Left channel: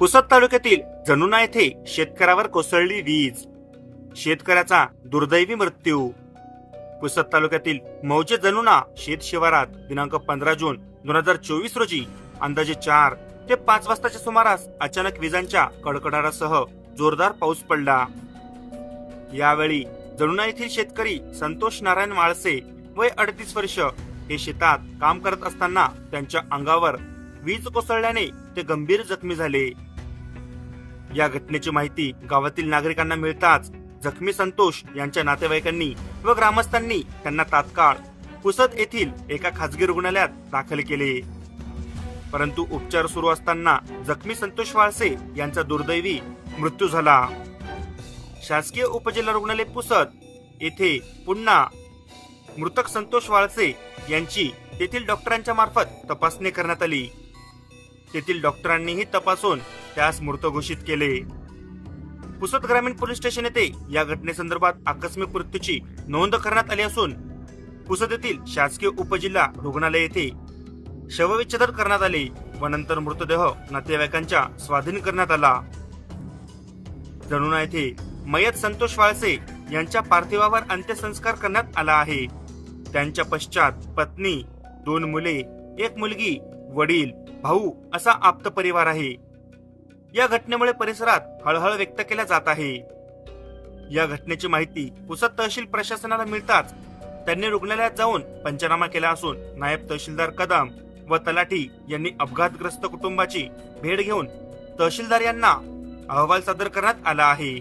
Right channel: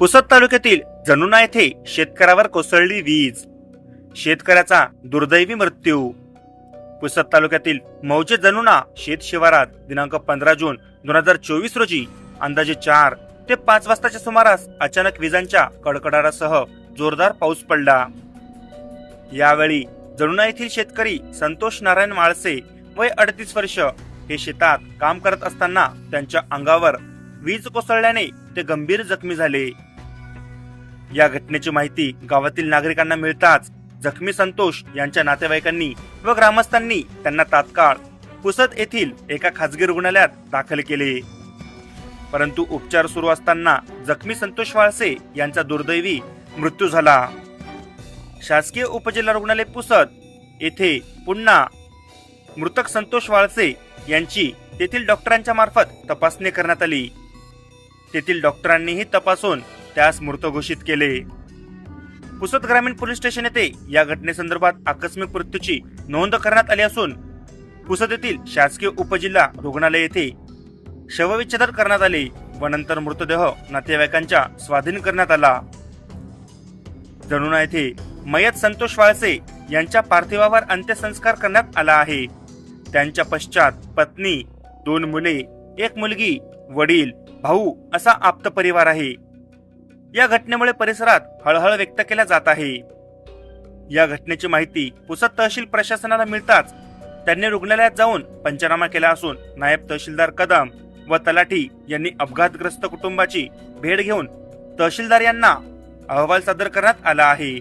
पुसद तालुक्यातील जनुना येथे शेतकऱ्यावर कोसळली वीज. शेतकऱ्याचा दुर्दैवी मृत्यू. पुसद तालुक्यातील मौजे जनुना शेत शिवारात दिनांक पंधरा जून दोन हजार चोवीस रोजी अंदाजे चार ते पाच वाजताच्या सुमारास अचानक विजांच्या कडकडाटासह जोरदार पाऊस पडला. यावेळी जणुना येथील शेतकरी संतोष नारायण माळसे वय अडतीस वर्ष हे शेतात काम करत असताना त्यांच्या अंगावर वीज कोसळल्याने ते गंभीर जखमी झाले. या घटनेची माहिती गावातील नागरिकांना मिळताच जखमी संतोष यांच्या नातेवाईकांनी व ग्रामस्थांनी त्यांना तात्काळ पुसद येथील एका खासगी रुग्णालयात दाखल केले. परंतु उपचार सुरू असताना जखमी संतोष वाळसे यांचा दुर्दैवी मृत्यू झाला. शासकीय उपजिल्हा रुग्णालय पुसद येथे पुन्हा मृतक संतोष वाळसे यांची तेथील डॉक्टरांच्या मार्फत तपासणी करण्यात आली. तेथील डॉक्टरांनीही तपासून त्यास मृत घोषित केले. पुसद ग्रामीण पोलीस स्टेशन येथे या घटनेसंदर्भात आकस्मिक मृत्यूची नोंद करण्यात आली असून पुसद येथील शासकीय उपजिल्हा रुग्णालय येथे शवविच्छेदन करण्यात आले व नंतर मृतदेह नातेवाईकांच्या स्वाधीन करण्यात आला. जणुना येथे मयत संतोष वाळसे यांच्या पार्थिवावर अंत्यसंस्कार करण्यात आला आहे. त्यांच्या पश्चात पत्नी दोन मुले एक मुलगी वडील भाऊ असा आप्त परिवार आहे. या घटनेमुळे परिसरात हळहळ व्यक्त केल्या जात आहे. या घटनेची माहिती पुसद तहसील प्रशासनाला मिळताच त्यांनी रुग्णालयात जाऊन पंचनामा केला असून नायब तहसीलदार कदम व तलाठी यांनी अपघातग्रस्त कुटुंबाची भेट घेऊन तहसीलदार यांना अहवाल सादर करण्यात आला आहे.